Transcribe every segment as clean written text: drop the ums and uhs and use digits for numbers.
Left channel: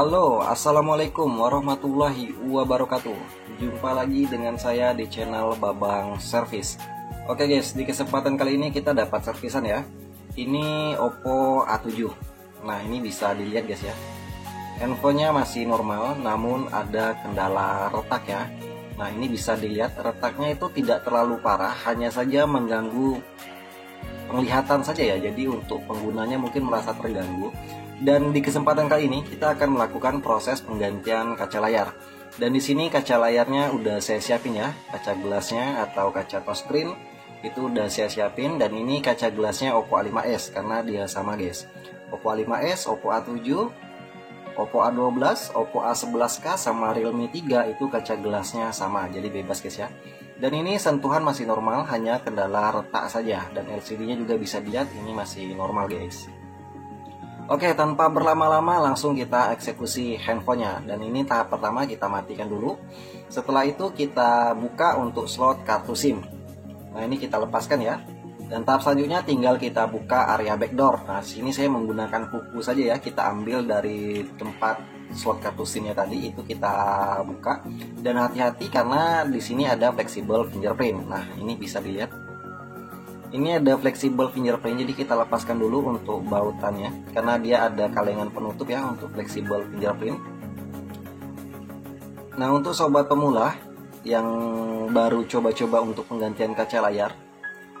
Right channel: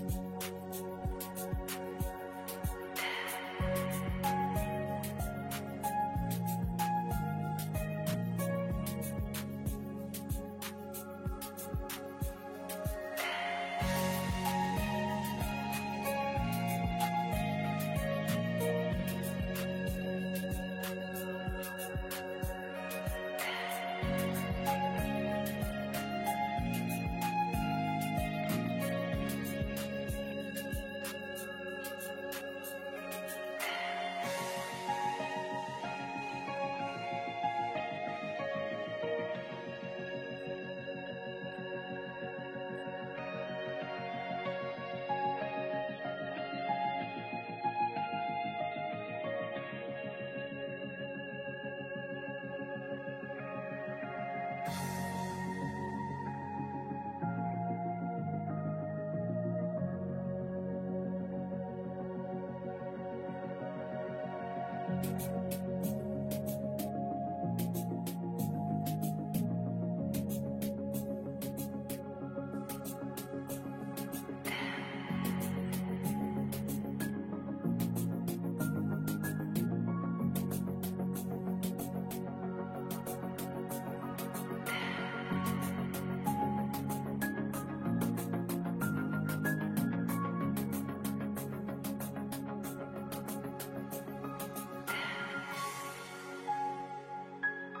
Halo, assalamualaikum warahmatullahi wabarakatuh. Jumpa lagi dengan saya di channel Babang Service. Oke guys, di kesempatan kali ini kita dapat servisan ya. Ini Oppo A7. Nah, ini bisa dilihat guys ya. Handphonenya masih normal, namun ada kendala retak ya. Nah, ini bisa dilihat retaknya itu tidak terlalu parah, hanya saja mengganggu penglihatan saja ya. Jadi untuk penggunanya mungkin merasa terganggu. Dan di kesempatan kali ini kita akan melakukan proses penggantian kaca layar. Dan di sini kaca layarnya udah saya siapin ya, kaca gelasnya atau kaca touchscreen itu udah saya siapin. Dan ini kaca gelasnya Oppo A5s karena dia sama guys. Oppo A5s, Oppo A7, Oppo A12, Oppo A11K sama Realme 3 itu kaca gelasnya sama, jadi bebas guys ya. Dan ini sentuhan masih normal, hanya kendala retak saja. Dan LCD-nya juga bisa dilihat ini masih normal guys. Oke, tanpa berlama-lama langsung kita eksekusi handphonenya. Dan ini tahap pertama kita matikan dulu. Setelah itu kita buka untuk slot kartu SIM. Nah, ini kita lepaskan ya. Dan tahap selanjutnya tinggal kita buka area backdoor. Nah, sini saya menggunakan kuku saja ya. Kita ambil dari tempat slot kartu SIM-nya tadi, itu kita buka. Dan hati-hati karena di sini ada flexible fingerprint. Nah, ini bisa dilihat. Ini ada flexible fingerprint, jadi kita lepaskan dulu untuk bautannya karena dia ada kalengan penutup ya untuk flexible fingerprint. Nah, untuk sobat pemula yang baru coba-coba untuk penggantian kaca layar,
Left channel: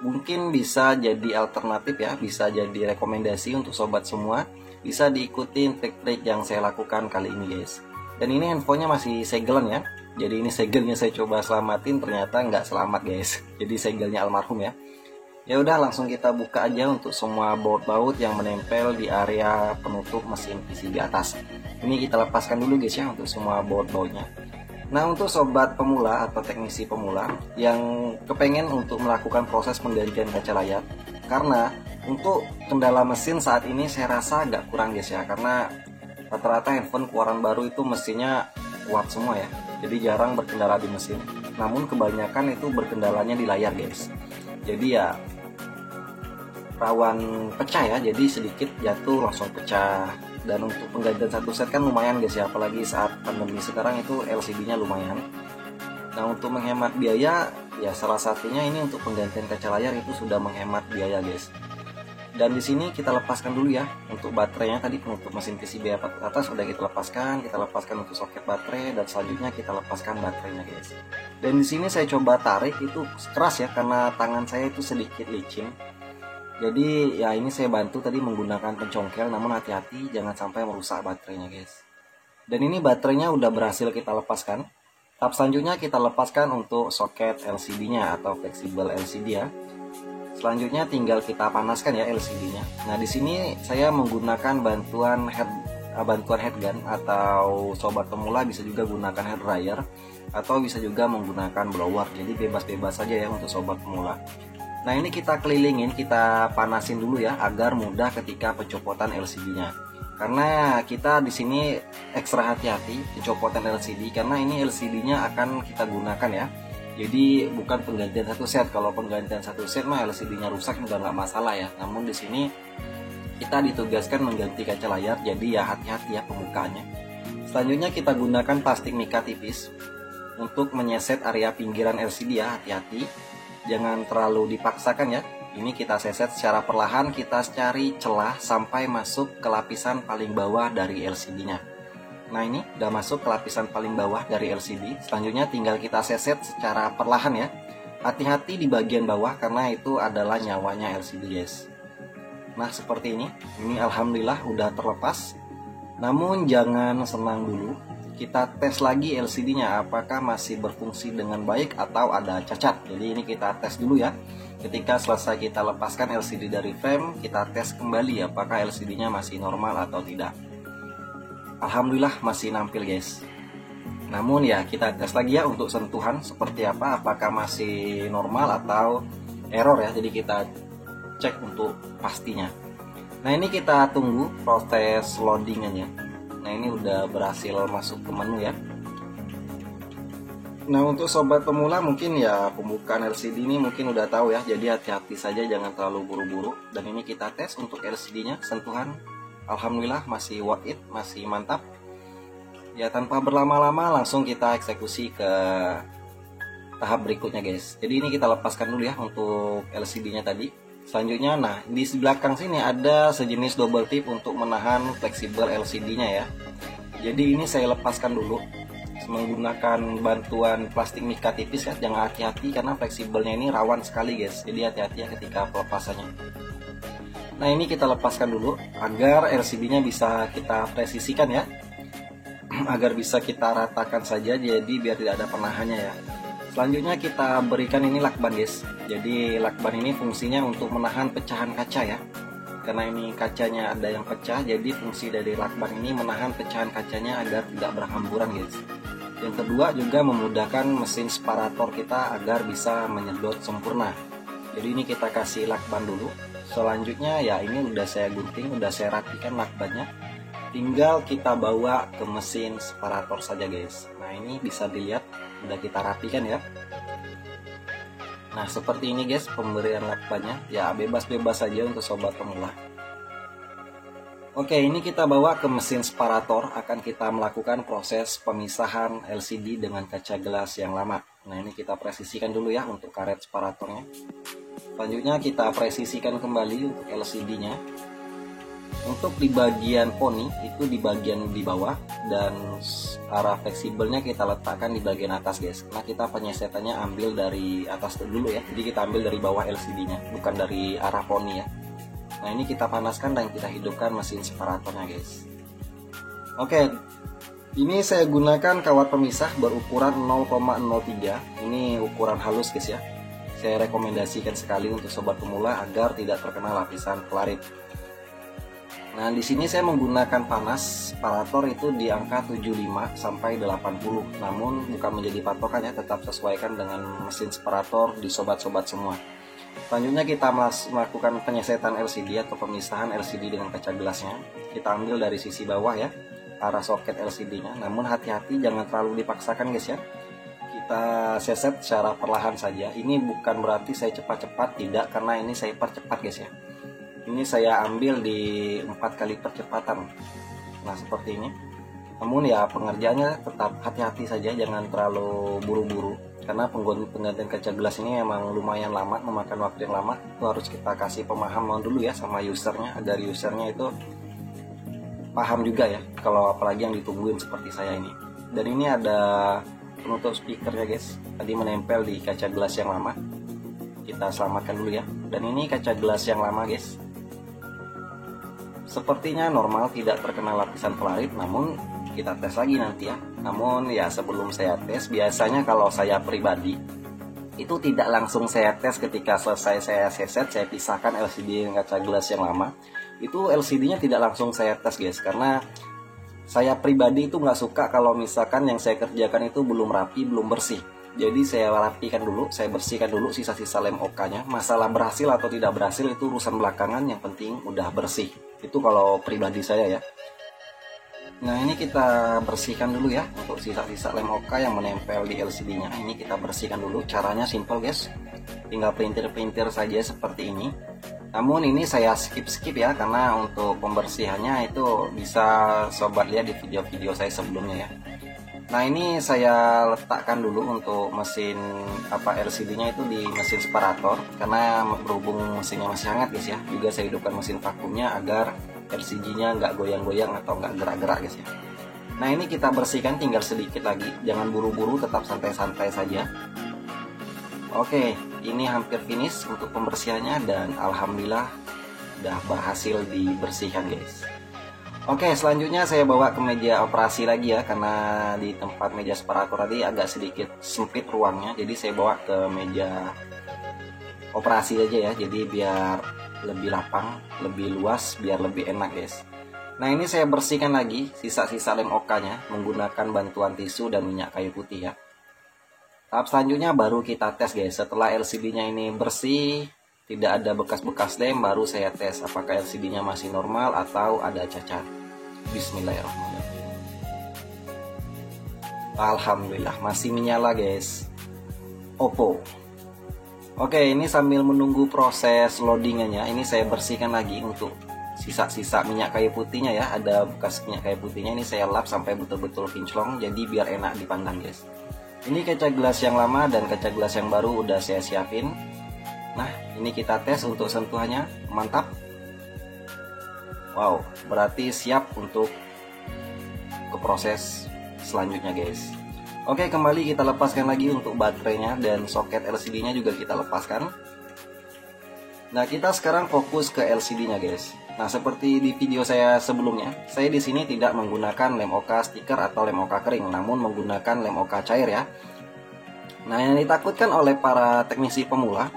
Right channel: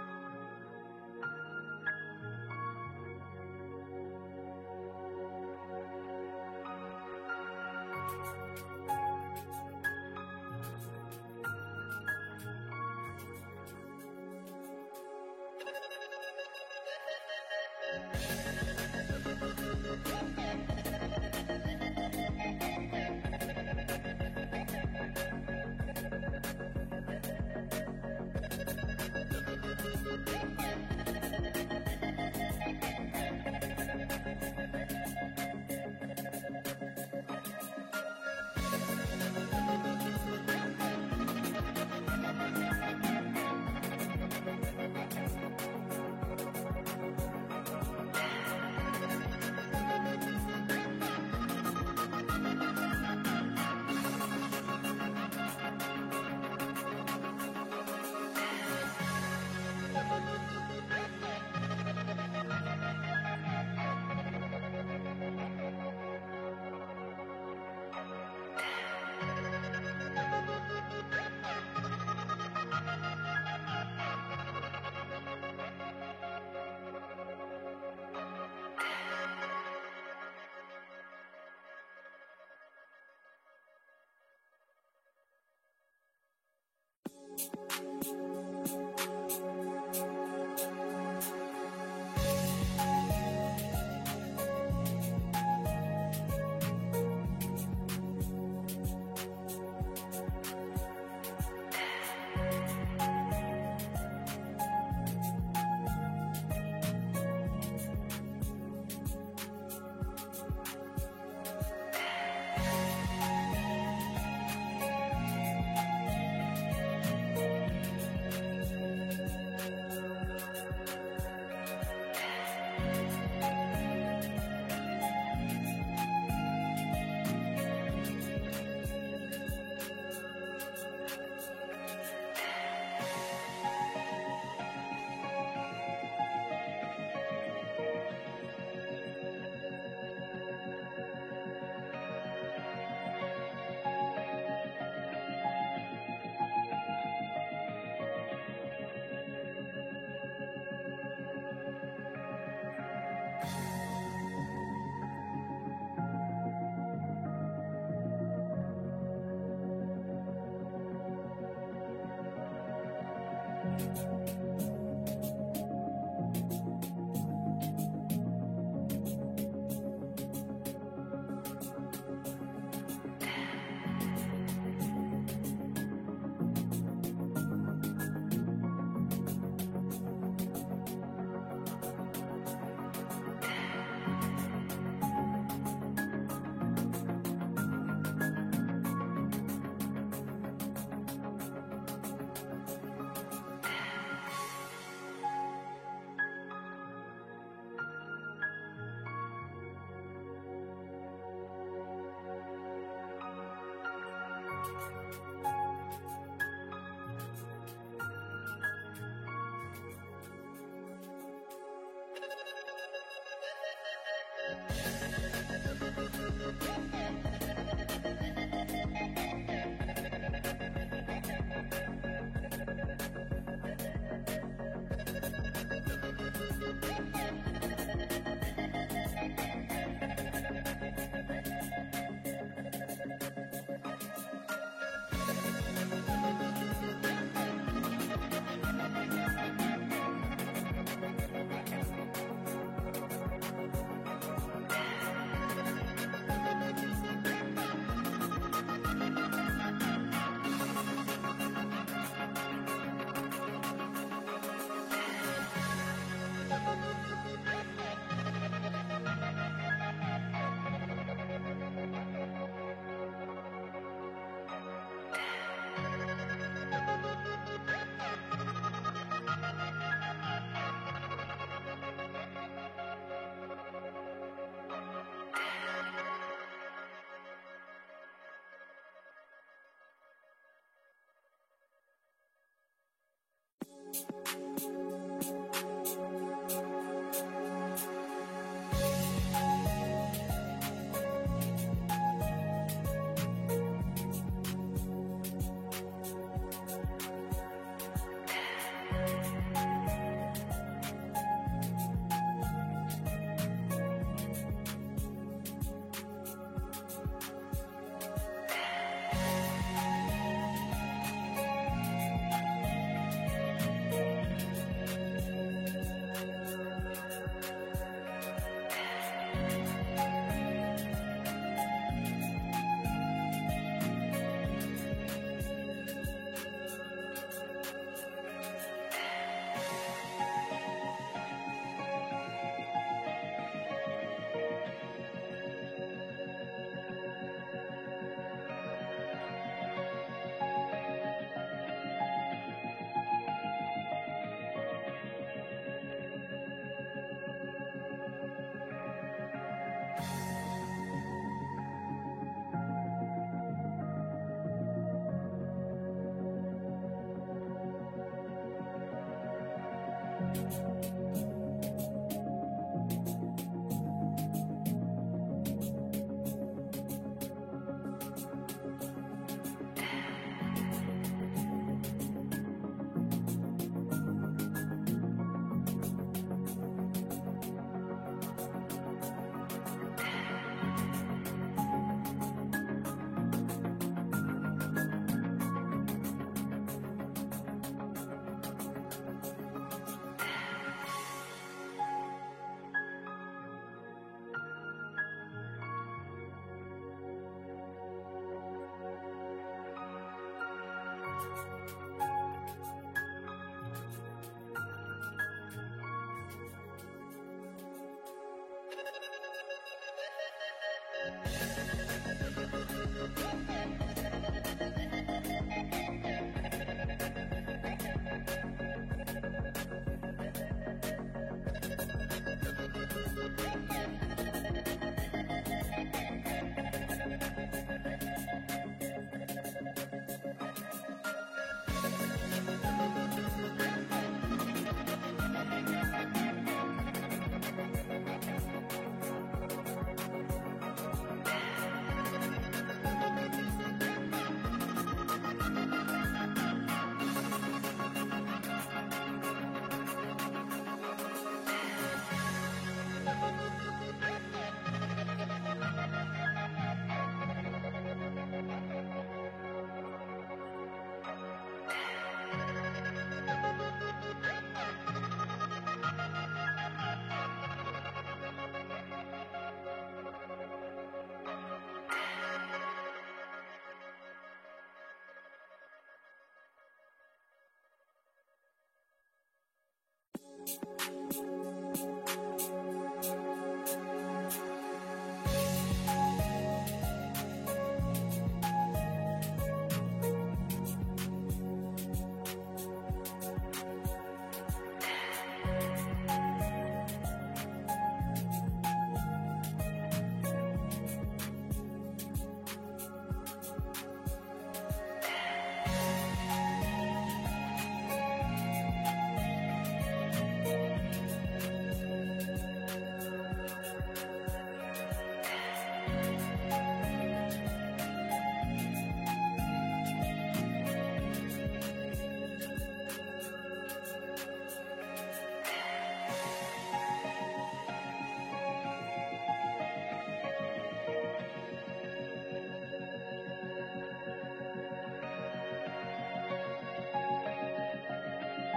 mungkin bisa jadi alternatif ya, bisa jadi rekomendasi untuk sobat semua. Bisa diikutin trik-trik yang saya lakukan kali ini guys. Dan ini handphonenya masih segelan ya. Jadi ini segelnya saya coba selamatin, ternyata nggak selamat guys. Jadi segelnya almarhum ya. Ya udah, langsung kita buka aja untuk semua baut-baut yang menempel di area penutup mesin PCB atas. Ini kita lepaskan dulu guys ya untuk semua baut-bautnya. Nah, untuk sobat pemula atau teknisi pemula yang kepengen untuk melakukan proses penggantian kaca layar, karena untuk kendala mesin saat ini saya rasa agak kurang guys ya, karena rata-rata handphone keluaran baru itu mesinnya kuat semua ya, jadi jarang berkendala di mesin. Namun kebanyakan itu berkendalanya di layar guys. Jadi ya rawan pecah ya, jadi sedikit jatuh langsung pecah. Dan untuk penggantian satu set kan lumayan guys ya, apalagi saat pandemi sekarang itu LCD-nya lumayan. Nah, untuk menghemat biaya ya salah satunya ini untuk penggantian kaca layar itu sudah menghemat biaya guys. Dan di sini kita lepaskan dulu ya untuk baterainya, tadi penutup mesin PCB atas sudah kita lepaskan untuk soket baterai, dan selanjutnya kita lepaskan baterainya guys. Dan di sini saya coba tarik itu keras ya karena tangan saya itu sedikit licin. Jadi ya ini saya bantu tadi menggunakan pencongkel, namun hati-hati jangan sampai merusak baterainya guys. Dan ini baterainya udah berhasil kita lepaskan. Tahap selanjutnya kita lepaskan untuk soket LCD-nya atau flexible LCD ya. Selanjutnya tinggal kita panaskan ya LCD-nya. Nah, di sini saya menggunakan bantuan headgun, atau sobat pemula bisa juga gunakan hair dryer atau bisa juga menggunakan blower. Jadi bebas-bebas saja ya untuk sobat pemula. Nah, ini kita kelilingin, kita panasin dulu ya agar mudah ketika pencopotan LCD-nya. Karena kita di sini ekstra hati-hati pencopotan LCD karena ini LCD-nya akan kita gunakan ya. Jadi bukan penggantian satu set. Kalau penggantian satu set mah LCD-nya rusak udah nggak masalah ya. Namun di sini kita ditugaskan mengganti kaca layar, jadi ya hati-hati ya pembukaannya. Selanjutnya kita gunakan plastik mika tipis untuk menyeset area pinggiran LCD ya, hati-hati. Jangan terlalu dipaksakan ya. Ini kita seset secara perlahan, kita cari celah sampai masuk ke lapisan paling bawah dari LCD-nya. Nah, ini udah masuk ke lapisan paling bawah dari LCD. Selanjutnya tinggal kita seset secara perlahan ya. Hati-hati di bagian bawah karena itu adalah nyawanya LCD guys. Nah, seperti ini. Ini alhamdulillah udah terlepas. Namun jangan senang dulu. Kita tes lagi LCD-nya apakah masih berfungsi dengan baik atau ada cacat. Jadi ini kita tes dulu ya. Ketika selesai kita lepaskan LCD dari frame, kita tes kembali apakah LCD-nya masih normal atau tidak. Alhamdulillah masih nampil guys. Namun ya kita tes lagi ya untuk sentuhan seperti apa, apakah masih normal atau error ya. Jadi kita cek untuk pastinya. Nah, ini kita tunggu proses loadingannya. Nah, ini udah berhasil masuk ke menu ya. Nah, untuk sobat pemula mungkin ya pembukaan LCD ini mungkin udah tahu ya. Jadi hati-hati saja, jangan terlalu buru-buru. Dan ini kita tes untuk LCD-nya, sentuhan alhamdulillah masih worth it, masih mantap. Ya tanpa berlama-lama langsung kita eksekusi ke tahap berikutnya guys. Jadi ini kita lepaskan dulu ya untuk LCD-nya tadi. Selanjutnya, nah di belakang sini ada sejenis double tip untuk menahan fleksibel LCD-nya ya. Jadi ini saya lepaskan dulu menggunakan bantuan plastik mika tipis ya. Jangan hati-hati karena fleksibelnya ini rawan sekali guys. Jadi hati-hati ya ketika pelepasannya. Nah ini kita lepaskan dulu agar LCD-nya bisa kita presisikan ya. Agar bisa kita ratakan saja, jadi biar tidak ada penahannya ya. Selanjutnya kita berikan ini lakban guys. Jadi lakban ini fungsinya untuk menahan pecahan kaca ya. Karena ini kacanya ada yang pecah, jadi fungsi dari lakban ini menahan pecahan kacanya agar tidak berhamburan guys. Yang kedua juga memudahkan mesin separator kita agar bisa menyedot sempurna. Jadi ini kita kasih lakban dulu. Selanjutnya ya ini udah saya gunting, udah saya rapikan lakbannya. Tinggal kita bawa ke mesin separator saja guys. Nah ini bisa dilihat udah kita rapikan ya. Nah seperti ini guys pemberian lakbannya. Ya bebas-bebas saja untuk sobat pemula. Oke, ini kita bawa ke mesin separator. Akan kita melakukan proses pemisahan LCD dengan kaca gelas yang lama. Nah ini kita presisikan dulu ya untuk karet separatornya. Selanjutnya kita presisikan kembali untuk LCD-nya. Untuk di bagian poni itu di bagian di bawah, dan arah fleksibelnya kita letakkan di bagian atas guys. Nah kita penyesetannya ambil dari atas dulu ya. Jadi kita ambil dari bawah LCD-nya, bukan dari arah poni ya. Nah ini kita panaskan dan kita hidupkan mesin separatornya guys. Oke, ini saya gunakan kawat pemisah berukuran 0,03. Ini ukuran halus guys ya. Saya rekomendasikan sekali untuk sobat pemula agar tidak terkena lapisan pelarit. Nah di sini saya menggunakan panas separator itu di angka 75 sampai 80. Namun bukan menjadi patokan ya, tetap sesuaikan dengan mesin separator di sobat-sobat semua. Selanjutnya kita melakukan penyesetan LCD atau pemisahan LCD dengan kaca gelasnya. Kita ambil dari sisi bawah ya, arah soket LCD-nya. Namun hati-hati jangan terlalu dipaksakan guys ya. Kita seset secara perlahan saja. Ini bukan berarti saya cepat-cepat, tidak, karena ini saya percepat guys ya. Ini saya ambil di 4 kali percepatan. Nah seperti ini. Namun ya pengerjaannya tetap hati-hati saja, jangan terlalu buru-buru. Karena penggantian kaca gelas ini memang lumayan lama, memakan waktu yang lama. Itu harus kita kasih pemahaman dulu ya sama usernya, agar usernya itu paham juga ya. Kalau apalagi yang ditungguin seperti saya ini. Dan ini ada penutup speakernya guys. Tadi menempel di kaca gelas yang lama. Kita selamatkan dulu ya. Dan ini kaca gelas yang lama guys. Sepertinya normal, tidak terkena lapisan pelarit, namun kita tes lagi nanti ya. Namun ya sebelum saya tes, biasanya kalau saya pribadi itu tidak langsung saya tes ketika selesai saya seset, saya pisahkan LCD dengan kaca gelas yang lama. Itu LCD-nya tidak langsung saya tes guys, karena saya pribadi itu nggak suka kalau misalkan yang saya kerjakan itu belum rapi, belum bersih. Jadi saya rapikan dulu, saya bersihkan dulu sisa-sisa lem OK-nya. Masalah berhasil atau tidak berhasil itu urusan belakangan, yang penting udah bersih. Itu kalau pribadi saya ya. Nah ini kita bersihkan dulu ya untuk sisa-sisa lem OK yang menempel di LCD-nya. Ini kita bersihkan dulu. Caranya simple guys, tinggal pelintir-pelintir saja seperti ini. Namun ini saya skip ya, karena untuk pembersihannya itu bisa sobat lihat di video-video saya sebelumnya ya. Nah ini saya letakkan dulu untuk mesin LCD-nya itu di mesin separator, karena berhubung mesinnya masih hangat guys ya. Juga saya hidupkan mesin vakumnya agar LCD-nya nggak goyang-goyang atau nggak gerak-gerak guys ya. Nah ini kita bersihkan, tinggal sedikit lagi, jangan buru-buru, tetap santai-santai saja. Oke, ini hampir finish untuk pembersihannya dan alhamdulillah udah berhasil dibersihkan guys. Oke, selanjutnya saya bawa ke meja operasi lagi ya, karena di tempat meja separator tadi agak sedikit sempit ruangnya. Jadi saya bawa ke meja operasi aja ya, jadi biar lebih lapang, lebih luas, biar lebih enak guys. Nah ini saya bersihkan lagi sisa-sisa lem OK-nya menggunakan bantuan tisu dan minyak kayu putih ya. Tahap selanjutnya baru kita tes guys. Setelah LCD-nya ini bersih, tidak ada bekas-bekas lem, baru saya tes apakah LCD-nya masih normal atau ada cacat. Bismillahirrahmanirrahim. Alhamdulillah masih menyala guys. Oppo. Oke, ini sambil menunggu proses loadingannya, ini saya bersihkan lagi untuk sisa-sisa minyak kayu putihnya ya, ada bekas minyak kayu putihnya. Ini saya lap sampai betul-betul kinclong, jadi biar enak dipandang guys. Ini kaca gelas yang lama dan kaca gelas yang baru udah saya siapin. Nah, ini kita tes untuk sentuhannya, mantap. Wow, berarti siap untuk ke proses selanjutnya guys. Oke, kembali kita lepaskan lagi untuk baterainya dan soket LCD-nya juga kita lepaskan. Nah, kita sekarang fokus ke LCD-nya guys. Nah, seperti di video saya sebelumnya, saya di sini tidak menggunakan lem OK stiker atau lem OK kering, namun menggunakan lem OK cair ya. Nah, yang ditakutkan oleh para teknisi pemula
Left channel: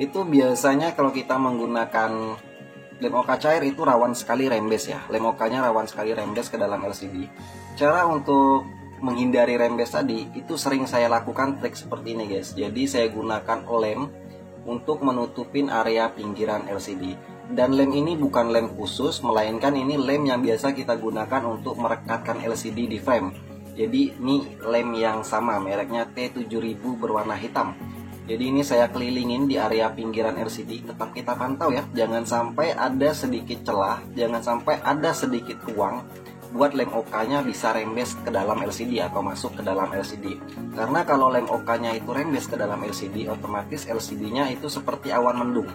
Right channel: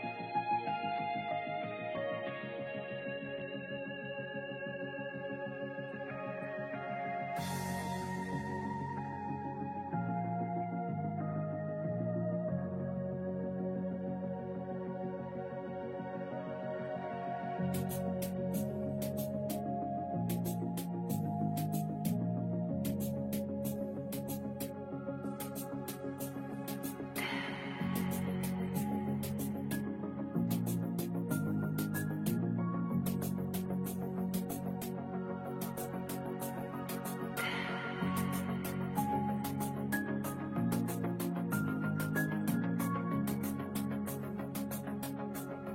itu biasanya kalau kita menggunakan lem OK cair itu rawan sekali rembes ya. Lem OK-nya rawan sekali rembes ke dalam LCD. Cara untuk menghindari rembes tadi itu sering saya lakukan trik seperti ini guys. Jadi saya gunakan lem untuk menutupin area pinggiran LCD. Dan lem ini bukan lem khusus, melainkan ini lem yang biasa kita gunakan untuk merekatkan LCD di frame. Jadi ini lem yang sama, mereknya T7000 berwarna hitam. Jadi ini saya kelilingin di area pinggiran LCD. Tetap kita pantau ya, jangan sampai ada sedikit celah, jangan sampai ada sedikit ruang buat lem OK-nya bisa rembes ke dalam LCD atau masuk ke dalam LCD. Karena kalau lem OK-nya itu rembes ke dalam LCD, otomatis LCD-nya itu seperti awan mendung.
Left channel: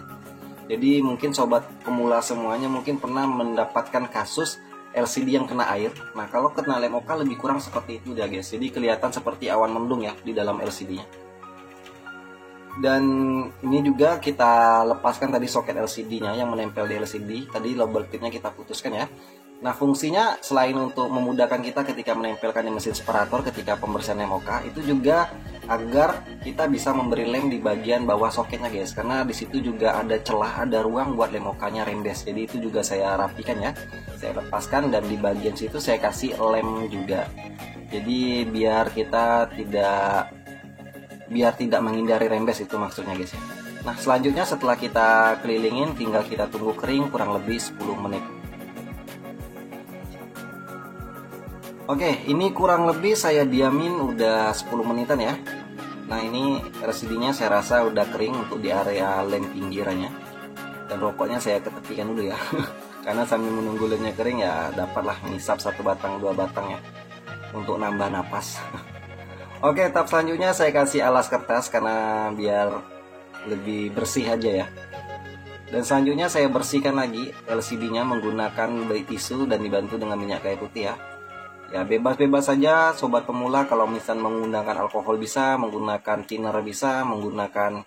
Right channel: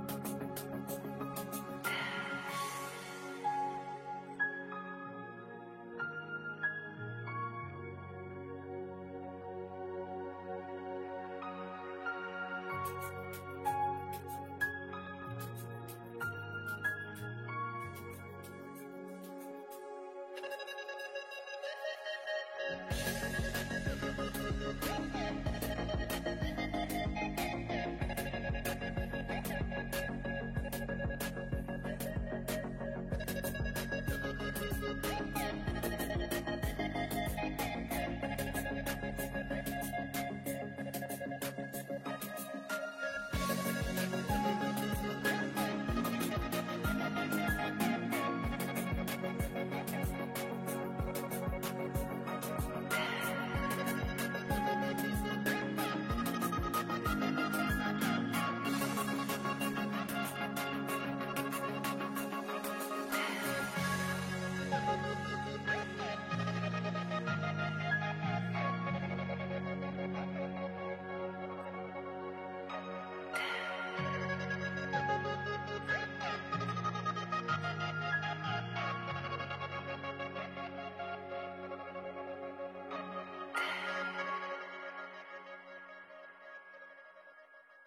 Jadi mungkin sobat pemula semuanya mungkin pernah mendapatkan kasus LCD yang kena air. Nah, kalau kena lem OK lebih kurang seperti itu ya guys. Jadi kelihatan seperti awan mendung ya di dalam LCD-nya. Dan ini juga kita lepaskan tadi soket LCD-nya yang menempel di LCD. Tadi lubber pitnya kita putuskan ya. Nah, fungsinya selain untuk memudahkan kita ketika menempelkan di mesin separator ketika pembersihan lem OK, itu juga agar kita bisa memberi lem di bagian bawah soketnya guys. Karena di situ juga ada celah, ada ruang buat lem OK-nya rembes. Jadi itu juga saya rapikan ya. Saya lepaskan dan di bagian situ saya kasih lem juga. Jadi biar tidak menghindari rembes, itu maksudnya guys. Nah, selanjutnya setelah kita kelilingin tinggal kita tunggu kering kurang lebih 10 menit. Oke, ini kurang lebih saya diamin udah 10 menitan ya. Nah, ini LCD-nya saya rasa udah kering untuk di area lem pinggirannya. Dan rokoknya saya ketepikan dulu ya. Karena sambil menunggu lemnya kering ya dapatlah ngisap 1 batang 2 batang ya untuk nambah napas. Oke, tahap selanjutnya saya kasih alas kertas karena biar lebih bersih aja ya. Dan selanjutnya saya bersihkan lagi LCD-nya menggunakan baik tisu dan dibantu dengan minyak kayu putih ya. Ya, bebas-bebas saja sobat pemula, kalau misalnya menggunakan alkohol bisa, menggunakan thinner bisa, menggunakan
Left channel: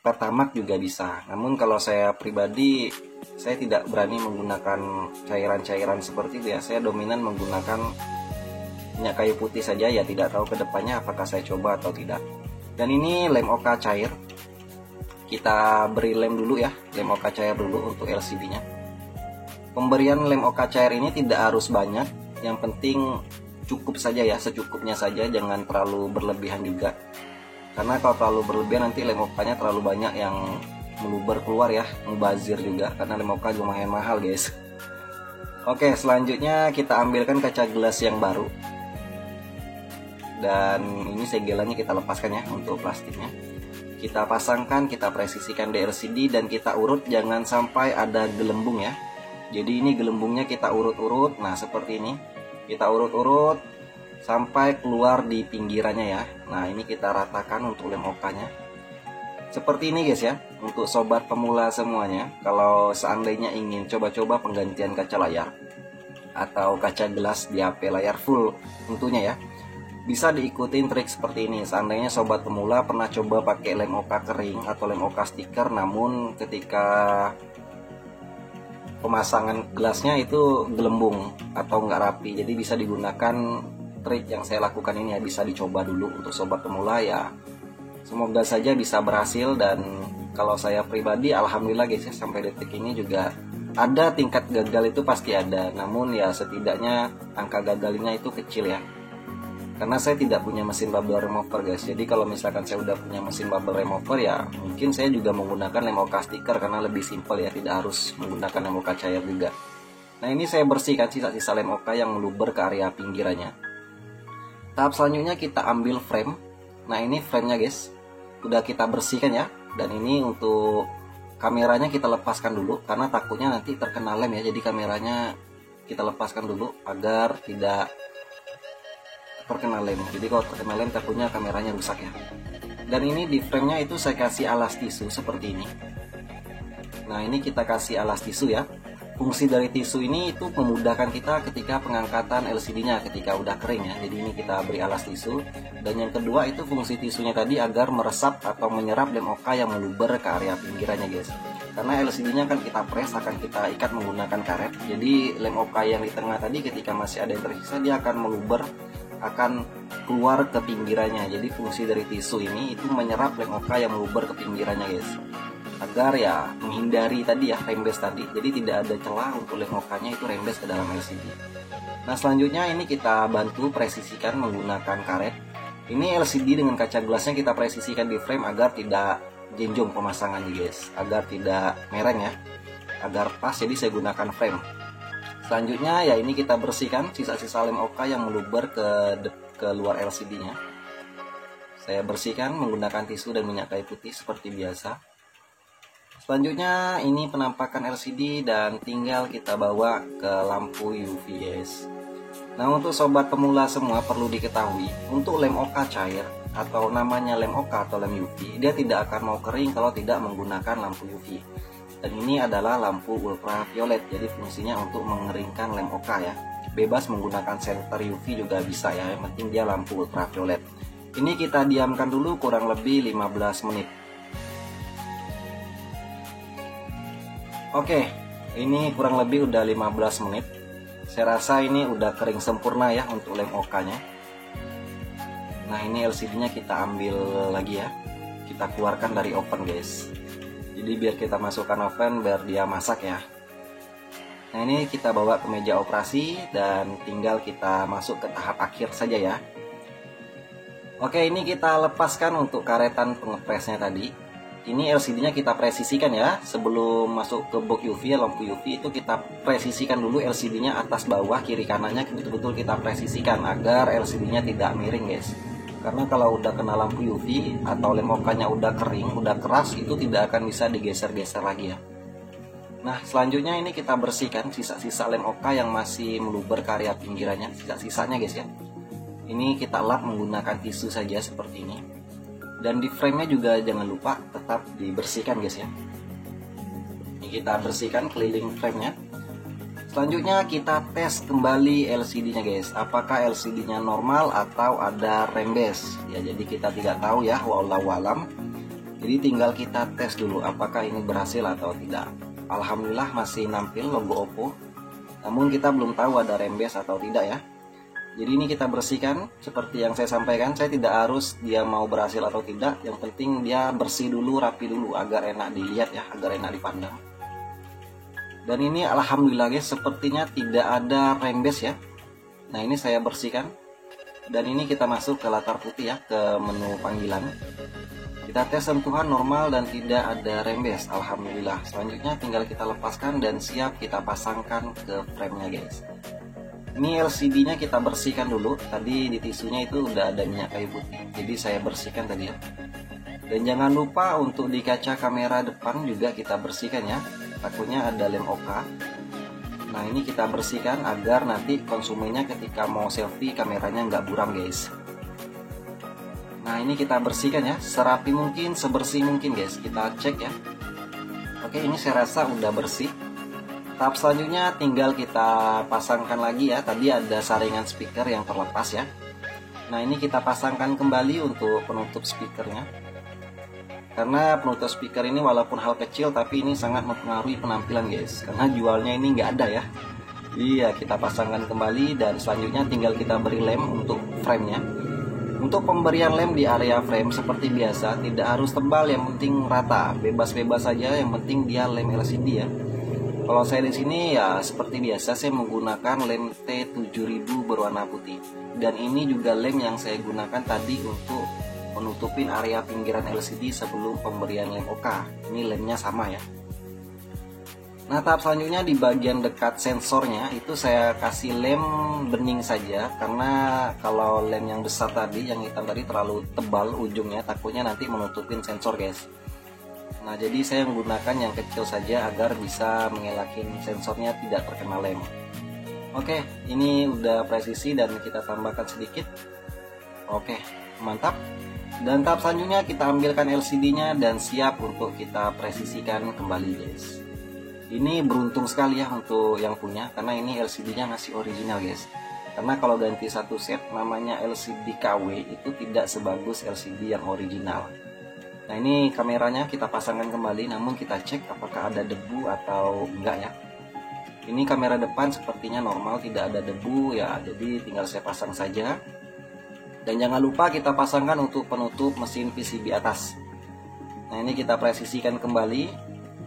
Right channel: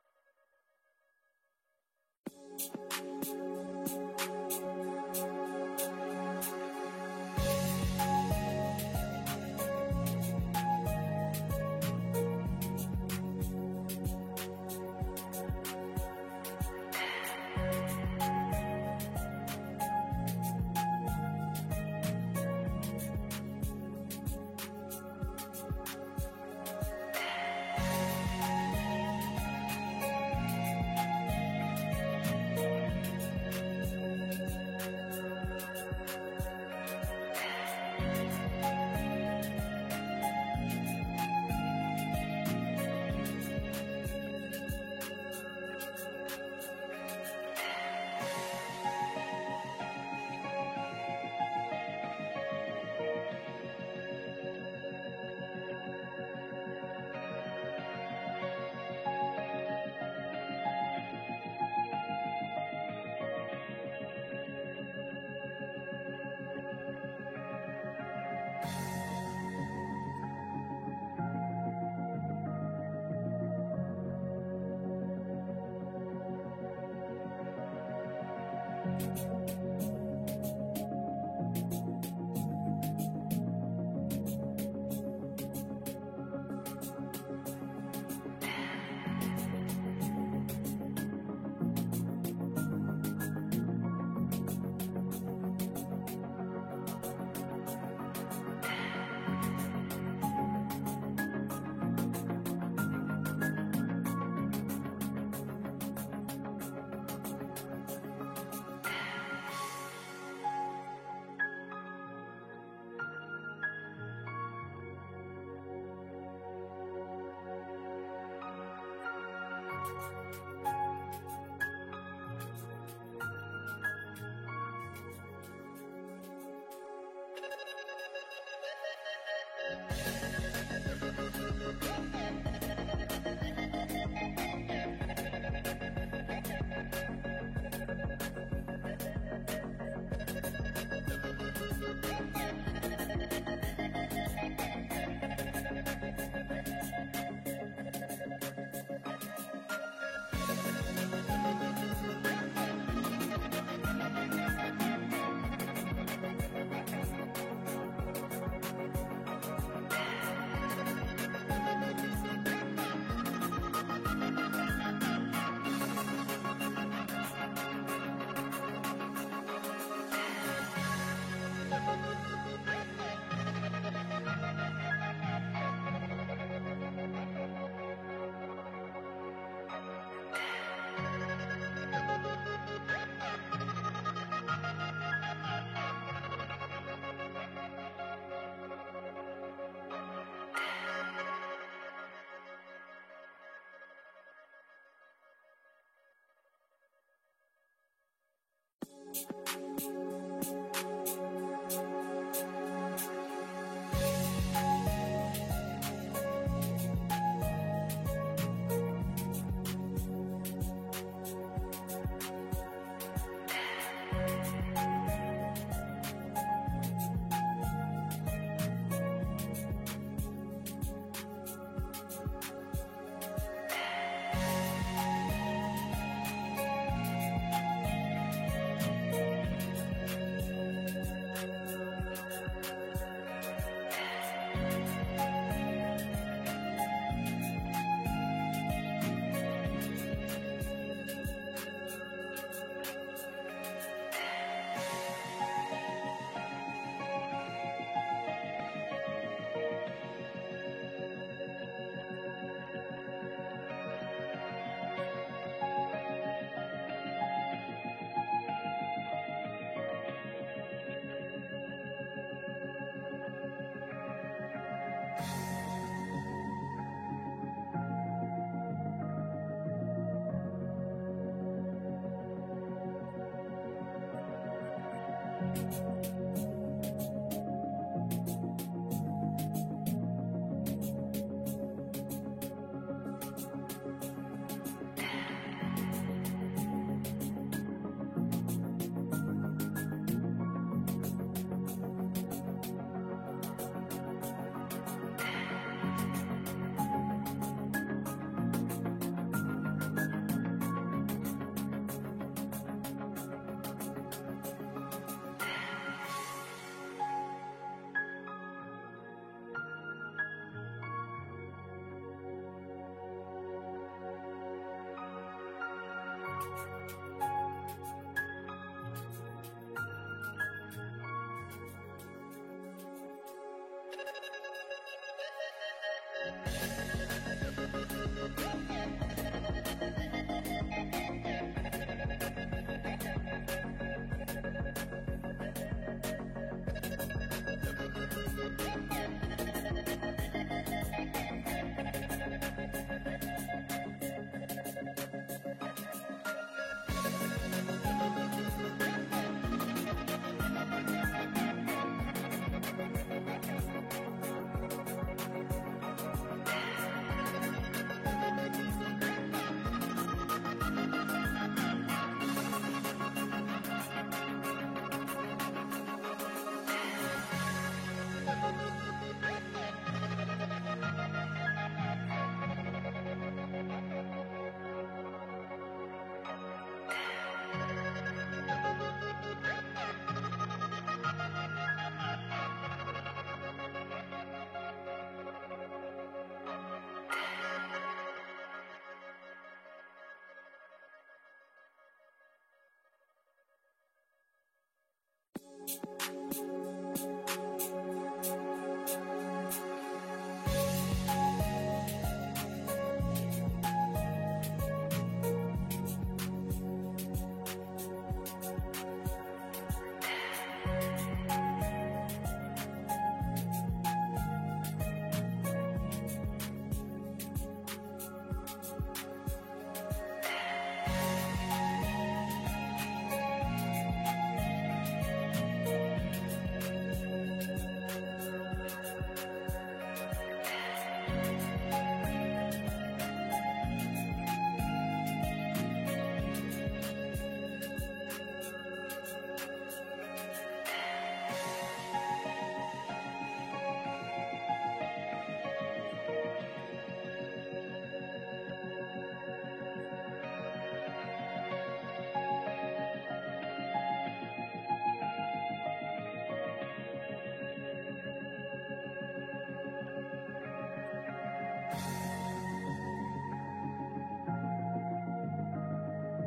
pertamax juga bisa. Namun kalau saya pribadi, saya tidak berani menggunakan cairan-cairan seperti itu ya. Saya dominan menggunakan minyak kayu putih saja ya, tidak tahu kedepannya apakah saya coba atau tidak. Dan ini lem OK cair. Kita beri lem dulu ya, lem OK cair dulu untuk LCD-nya. Pemberian lem OK cair ini tidak harus banyak, yang penting cukup saja ya, secukupnya saja, jangan terlalu berlebihan juga. Karena kalau terlalu berlebihan nanti lem OK-nya terlalu banyak yang meluber keluar ya, mubazir juga, karena lem OK lumayan mahal guys. Oke, selanjutnya kita ambilkan kaca gelas yang baru. Dan ini segelannya kita lepaskan ya untuk plastiknya. Kita pasangkan, kita presisikan di LCD dan kita urut, jangan sampai ada gelembung ya. Jadi ini gelembungnya kita urut-urut. Nah, seperti ini kita urut-urut sampai keluar di pinggirannya ya. Nah, ini kita ratakan untuk lem OK-nya seperti ini guys ya. Untuk sobat pemula semuanya, kalau seandainya ingin coba-coba penggantian kaca layar atau kaca gelas di HP layar full tentunya ya, bisa diikutin trik seperti ini. Seandainya sobat pemula pernah coba pakai lem OK kering atau lem OK stiker, namun ketika pemasangan gelasnya itu gelembung atau nggak rapi, jadi bisa digunakan trik yang saya lakukan ini ya. Bisa dicoba dulu untuk sobat pemula ya, semoga saja bisa berhasil. Dan kalau saya pribadi alhamdulillah guys ya, sampai detik ini juga ada tingkat gagal itu pasti ada, namun ya setidaknya angka gagalnya itu kecil ya. Karena saya tidak punya mesin bubble remover guys. Jadi kalau misalkan saya udah punya mesin bubble remover ya mungkin saya juga menggunakan lem OK stiker karena lebih simpel ya, tidak harus menggunakan lem OK cair juga. Nah, ini saya bersihkan sisa-sisa lem OK yang meluber ke area pinggirannya. Tahap selanjutnya kita ambil frame. Nah, ini framenya guys, udah kita bersihkan ya. Dan ini untuk kameranya kita lepaskan dulu karena takutnya nanti terkena lem ya. Jadi kameranya kita lepaskan dulu agar tidak terkena lem. Jadi kalau terkena lem takutnya kameranya rusak ya. Dan ini di framenya itu saya kasih alas tisu seperti ini. Nah ini kita kasih alas tisu ya. Fungsi dari tisu ini itu memudahkan kita ketika pengangkatan LCD-nya ketika udah kering ya. Jadi ini kita beri alas tisu. Dan yang kedua itu fungsi tisunya tadi agar meresap atau menyerap lem OK yang meluber ke area pinggirannya guys. Karena LCD-nya kan kita press, akan kita ikat menggunakan karet. Jadi lem OK yang di tengah tadi ketika masih ada yang tersisa dia akan meluber, akan keluar ke pinggirannya. Jadi fungsi dari tisu ini itu menyerap lem OK yang meluber ke pinggirannya guys, agar ya menghindari tadi ya rembes tadi. Jadi tidak ada celah untuk lem OK-nya itu rembes ke dalam LCD. Nah selanjutnya ini kita bantu presisikan menggunakan karet. Ini LCD dengan kaca gelasnya kita presisikan di frame agar tidak jenjong pemasangan guys, agar tidak mereng ya, agar pas. Jadi saya gunakan frame. Selanjutnya ya ini kita bersihkan sisa-sisa lem OK yang meluber ke luar LCD-nya. Saya bersihkan menggunakan tisu dan minyak kayu putih seperti biasa. Selanjutnya ini penampakan LCD dan tinggal kita bawa ke lampu UV guys. Nah untuk sobat pemula semua perlu diketahui, untuk lem OK cair atau namanya lem OK atau lem UV, dia tidak akan mau kering kalau tidak menggunakan lampu UV. Dan ini adalah lampu ultraviolet, jadi fungsinya untuk mengeringkan lem OK ya. Bebas menggunakan senter UV juga bisa ya, yang penting dia lampu ultraviolet. Ini kita diamkan dulu kurang lebih 15 menit. Oke, ini kurang lebih udah 15 menit. Saya rasa ini udah kering sempurna ya untuk lem OK-nya. Nah ini LCD-nya kita ambil lagi ya, kita keluarkan dari oven guys. Jadi biar kita masukkan oven biar dia masak ya. Nah ini kita bawa ke meja operasi dan tinggal kita masuk ke tahap akhir saja ya. Oke, ini kita lepaskan untuk karetan pengepresnya tadi. Ini LCD-nya kita presisikan ya. Sebelum masuk ke box UV ya, lampu UV itu kita presisikan dulu LCD-nya atas bawah kiri kanannya, betul-betul kita presisikan agar LCD-nya tidak miring guys. Karena kalau udah kena lampu UV atau lem OK-nya udah kering, udah keras, itu tidak akan bisa digeser-geser lagi ya. Nah selanjutnya ini kita bersihkan sisa-sisa lem OK yang masih meluber ke area pinggirannya, sisa-sisanya guys ya. Ini kita lap menggunakan tisu saja seperti ini. Dan di frame-nya juga jangan lupa tetap dibersihkan guys ya. Ini kita bersihkan keliling frame-nya. Selanjutnya kita tes kembali LCD-nya guys, apakah LCD-nya normal atau ada rembes ya. Jadi kita tidak tahu ya, wallahu alam. Jadi tinggal kita tes dulu apakah ini berhasil atau tidak. Alhamdulillah masih nampil logo Oppo, namun kita belum tahu ada rembes atau tidak ya. Jadi ini kita bersihkan seperti yang saya sampaikan. Saya tidak harus dia mau berhasil atau tidak, yang penting dia bersih dulu, rapi dulu agar enak dilihat ya, agar enak dipandang. Dan ini alhamdulillah guys, sepertinya tidak ada rembes ya. Nah ini saya bersihkan. Dan ini kita masuk ke latar putih ya, ke menu panggilan. Kita tes sentuhan normal dan tidak ada rembes, alhamdulillah. Selanjutnya tinggal kita lepaskan dan siap kita pasangkan ke frame-nya guys. Ini LCD-nya kita bersihkan dulu. Tadi di tisunya itu udah ada minyak kayu putih, jadi saya bersihkan tadi ya. Dan jangan lupa untuk di kaca kamera depan juga kita bersihkan ya, takutnya ada lem OK. Nah ini kita bersihkan agar nanti konsumennya ketika mau selfie kameranya nggak buram guys. Nah ini kita bersihkan ya, serapi mungkin, sebersih mungkin guys. Kita cek ya. Oke, ini saya rasa udah bersih. Tahap selanjutnya tinggal kita pasangkan lagi ya. Tadi ada saringan speaker yang terlepas ya. Nah ini kita pasangkan kembali untuk penutup speakernya. Karena penutup speaker ini walaupun hal kecil, tapi ini sangat mempengaruhi penampilan guys. Karena jualnya ini nggak ada ya. Iya, kita pasangkan kembali dan selanjutnya tinggal kita beri lem untuk frame-nya. Untuk pemberian lem di area frame seperti biasa, tidak harus tebal, yang penting rata, bebas-bebas saja, yang penting dia lem LCD ya. Kalau saya di sini ya seperti biasa, saya menggunakan lem T7000 berwarna putih. Dan ini juga lem yang saya gunakan tadi untuk menutupin area pinggiran LCD sebelum pemberian lem OK. Ini lemnya sama ya. Nah tahap selanjutnya di bagian dekat sensornya itu saya kasih lem bening saja, karena kalau lem yang besar tadi, yang hitam tadi terlalu tebal ujungnya, takutnya nanti menutupin sensor guys. Nah, jadi saya menggunakan yang kecil saja agar bisa mengelakin sensornya tidak terkena lem. Oke, ini udah presisi dan kita tambahkan sedikit. Oke, mantap. Dan tahap selanjutnya kita ambilkan LCD-nya dan siap untuk kita presisikan kembali, guys. Ini beruntung sekali ya untuk yang punya, karena ini LCD-nya masih original, guys. Karena kalau ganti satu set namanya LCD KW itu tidak sebagus LCD yang original. Nah, ini kameranya kita pasangkan kembali, namun kita cek apakah ada debu atau enggak ya. Ini kamera depan sepertinya normal, tidak ada debu ya, jadi tinggal saya pasang saja. Dan jangan lupa kita pasangkan untuk penutup mesin PCB atas. Nah, ini kita presisikan kembali.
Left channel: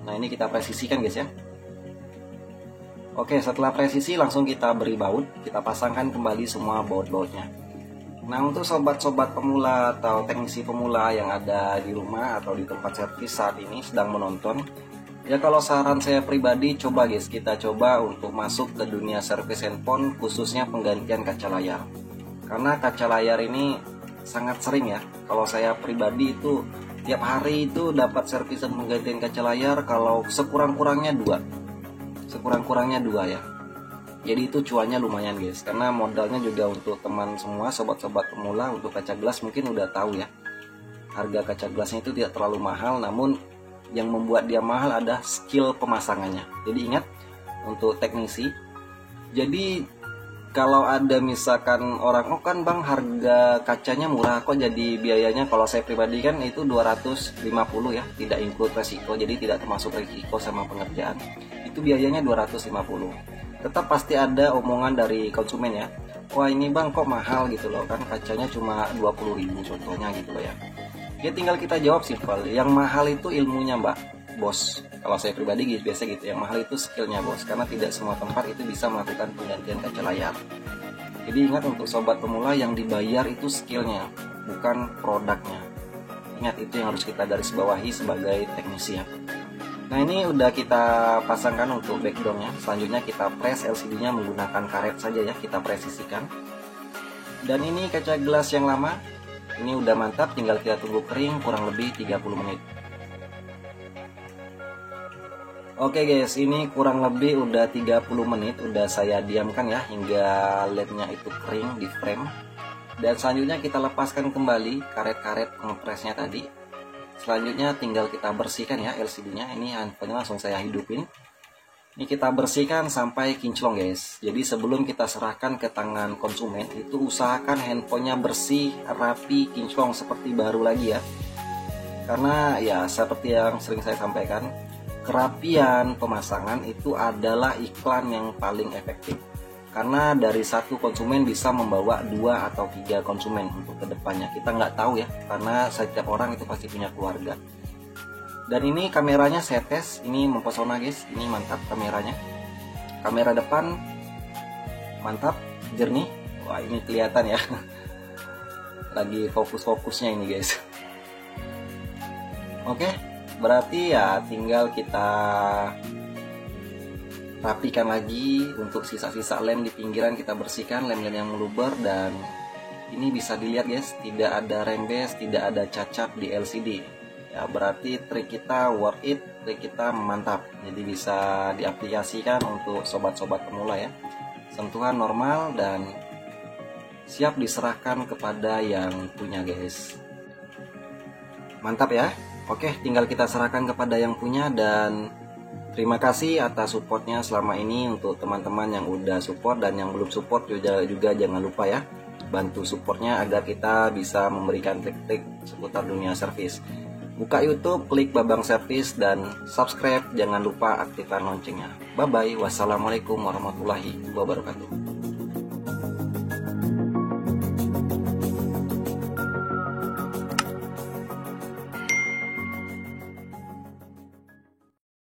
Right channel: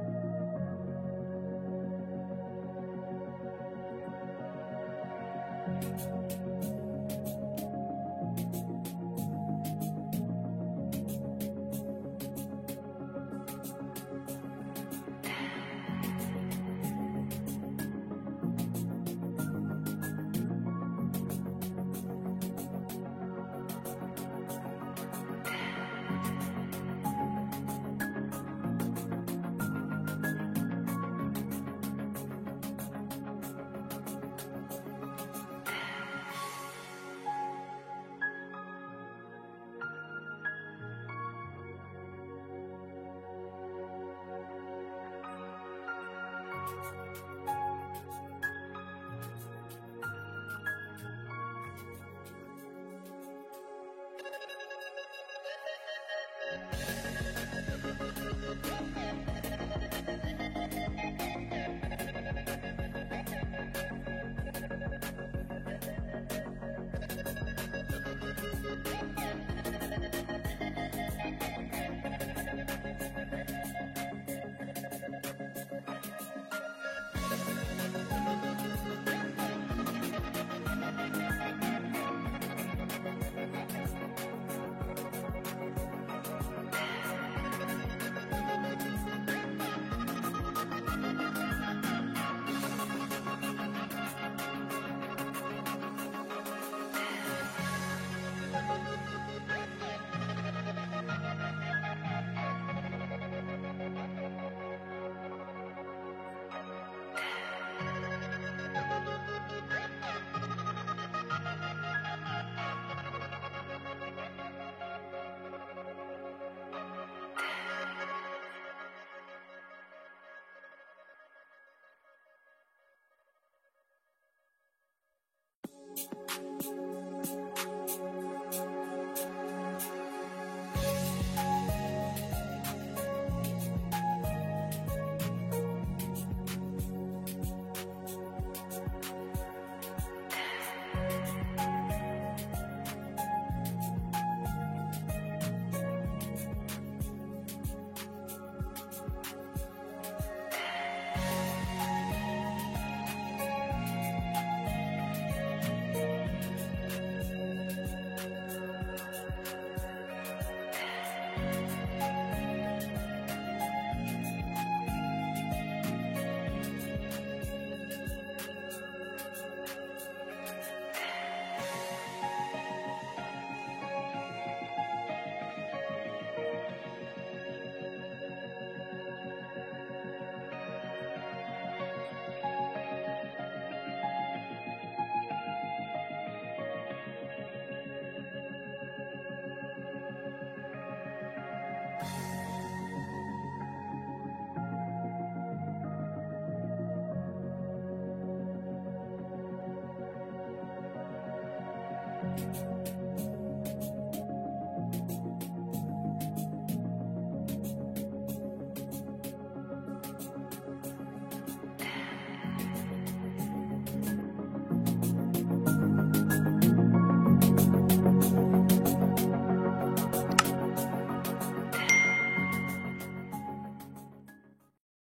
Nah, ini kita presisikan, guys ya. Oke, setelah presisi langsung kita beri baut, kita pasangkan kembali semua baut-bautnya. Nah, untuk sobat-sobat pemula atau teknisi pemula yang ada di rumah atau di tempat servis saat ini sedang menonton, ya kalau saran saya pribadi, coba guys, kita coba untuk masuk ke dunia servis handphone, khususnya penggantian kaca layar. Karena kaca layar ini sangat sering ya, kalau saya pribadi itu tiap hari itu dapat servisan penggantian kaca layar kalau sekurang-kurangnya dua ya. Jadi itu cuannya lumayan guys, karena modalnya juga untuk teman semua sobat-sobat pemula untuk kaca gelas mungkin udah tahu ya, harga kaca gelasnya itu tidak terlalu mahal, namun yang membuat dia mahal ada skill pemasangannya. Jadi ingat untuk teknisi, jadi kalau ada misalkan orang, oh kan bang harga kacanya murah kok jadi biayanya, kalau saya pribadi kan itu 250 ya, tidak include resiko, jadi tidak termasuk resiko sama pengerjaan, itu biayanya 250. Tetap pasti ada omongan dari konsumen ya, wah ini bang kok mahal gitu loh, kan kacanya cuma 20.000 contohnya gitu loh ya. Ya tinggal kita jawab simpel, yang mahal itu ilmunya mbak, bos. Kalau saya pribadi biasa gitu, yang mahal itu skillnya bos, karena tidak semua tempat itu bisa melakukan penggantian kaca layar. Jadi ingat untuk sobat pemula, yang dibayar itu skillnya, bukan produknya. Ingat itu yang harus kita garis bawahi sebagai teknisi ya. Nah, ini udah kita pasangkan untuk backgroundnya. Selanjutnya kita press LCD-nya menggunakan karet saja ya, kita presisikan. Dan ini kaca gelas yang lama, ini udah mantap, tinggal kita tunggu kering kurang lebih 30 menit. Oke guys, ini kurang lebih udah 30 menit udah saya diamkan ya hingga lednya itu kering di frame. Dan selanjutnya kita lepaskan kembali karet-karet kompresnya tadi. Selanjutnya tinggal kita bersihkan ya LCD-nya. Ini handphonenya langsung saya hidupin. Ini kita bersihkan sampai kinclong guys. Jadi sebelum kita serahkan ke tangan konsumen, itu usahakan handphonenya bersih, rapi, kinclong seperti baru lagi ya. Karena ya seperti yang sering saya sampaikan, kerapian pemasangan itu adalah iklan yang paling efektif. Karena dari satu konsumen bisa membawa 2 atau 3 konsumen untuk kedepannya. Kita nggak tahu ya, karena setiap orang itu pasti punya keluarga. Dan ini kameranya saya tes, ini mempesona guys, ini mantap kameranya. Kamera depan mantap, jernih. Wah ini kelihatan ya, lagi fokus-fokusnya ini guys. Oke, berarti ya tinggal kita rapikan lagi untuk sisa-sisa lem di pinggiran, kita bersihkan lem-lem yang meluber. Dan ini bisa dilihat guys, tidak ada rembes, tidak ada cacat di LCD ya, berarti trik kita worth it, trik kita mantap. Jadi bisa diaplikasikan untuk sobat-sobat pemula ya, sentuhan normal dan siap diserahkan kepada yang punya guys. Mantap ya. Oke, tinggal kita serahkan kepada yang punya. Dan terima kasih atas supportnya selama ini untuk teman-teman yang udah support, dan yang belum support juga jangan lupa ya, bantu supportnya agar kita bisa memberikan trik-trik seputar dunia servis. Buka YouTube, klik Babang Servis, dan subscribe, jangan lupa aktifkan loncengnya. Bye bye, wassalamualaikum warahmatullahi wabarakatuh.